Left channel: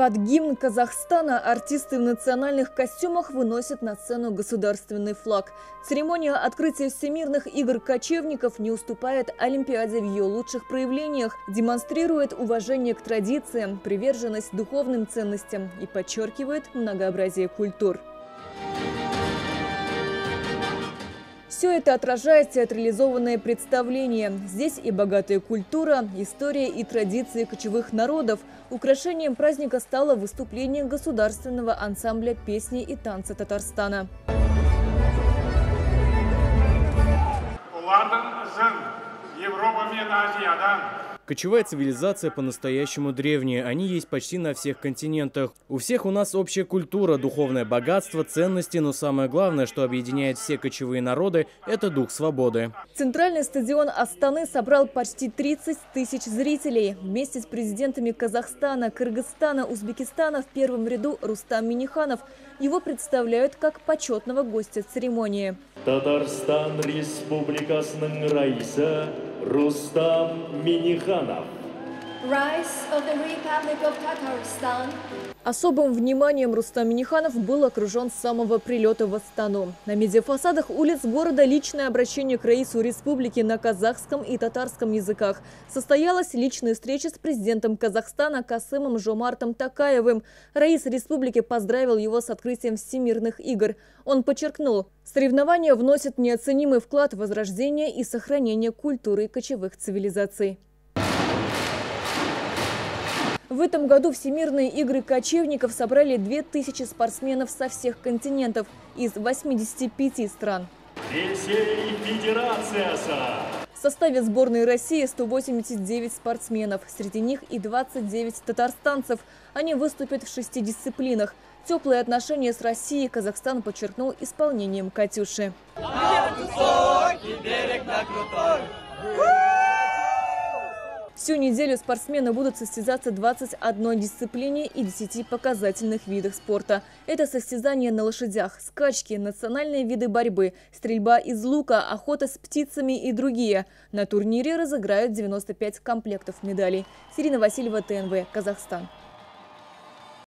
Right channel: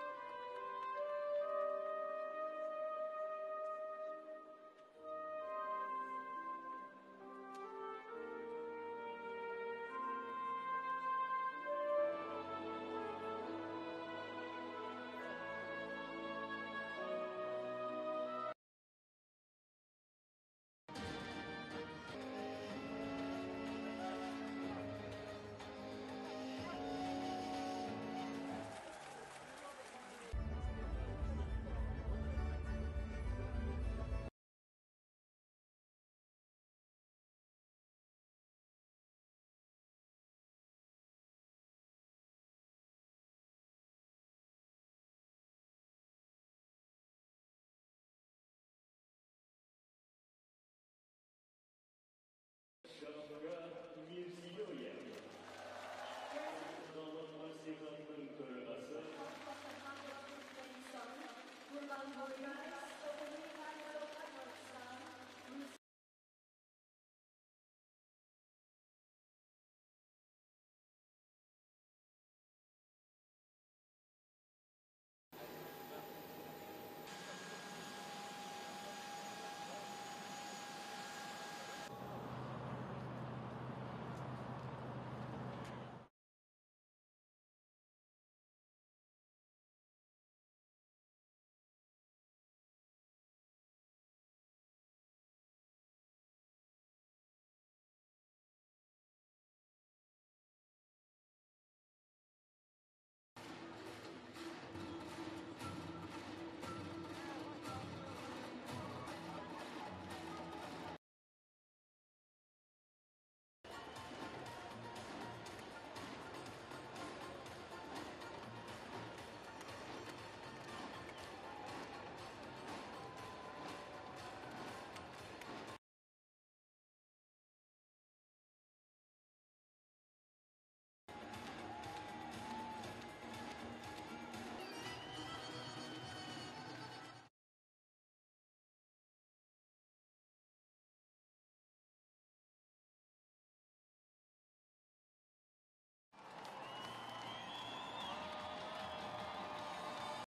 Под гимн Казахстана артисты в национальных костюмах выносят на сцену государственный флаг. Церемония открытия Всемирных игр кочевников не уступает Олимпиаде в ее лучших проявлениях, демонстрирует уважение к традициям, приверженность духовным ценностям и подчеркивает многообразие культур. Все это отражает театрализованное представление. Здесь и богатая культура, история и традиции кочевых народов. Украшением праздника стало выступление государственного ансамбля песни и танца Татарстана. Кочевая цивилизация по-настоящему древняя. Они есть почти на всех континентах. У всех у нас общая культура, духовное богатство, ценности, но самое главное, что объединяет все кочевые народы – это дух свободы. Центральный стадион Астаны собрал почти 30 тысяч зрителей. Вместе с президентами Казахстана, Кыргызстана, Узбекистана в первом ряду Рустам Минниханов. Его представляют как почетного гостя церемонии. Татарстан Республикасының раисы Рустам Минниханов. Особым вниманием Рустам Минниханов был окружен с самого прилета в Астану. На медиафасадах улиц города личное обращение к раису республики на казахском и татарском языках. Состоялась личная встреча с президентом Казахстана Касымом Жомартом Токаевым. Раис республики поздравил его с открытием Всемирных игр. Он подчеркнул, соревнования вносят неоценимый вклад в возрождение и сохранение культуры кочевых цивилизаций. В этом году Всемирные игры кочевников собрали 2000 спортсменов со всех континентов из 85 стран. В составе сборной России 189 спортсменов, среди них и 29 татарстанцев. Они выступят в 6 дисциплинах. Теплые отношения с Россией Казахстан подчеркнул исполнением «Катюши». Всю неделю спортсмены будут состязаться в 21 дисциплине и 10 показательных видах спорта. Это состязания на лошадях, скачки, национальные виды борьбы, стрельба из лука, охота с птицами и другие. На турнире разыграют 95 комплектов медалей. Ирина Васильева, ТНВ, Казахстан.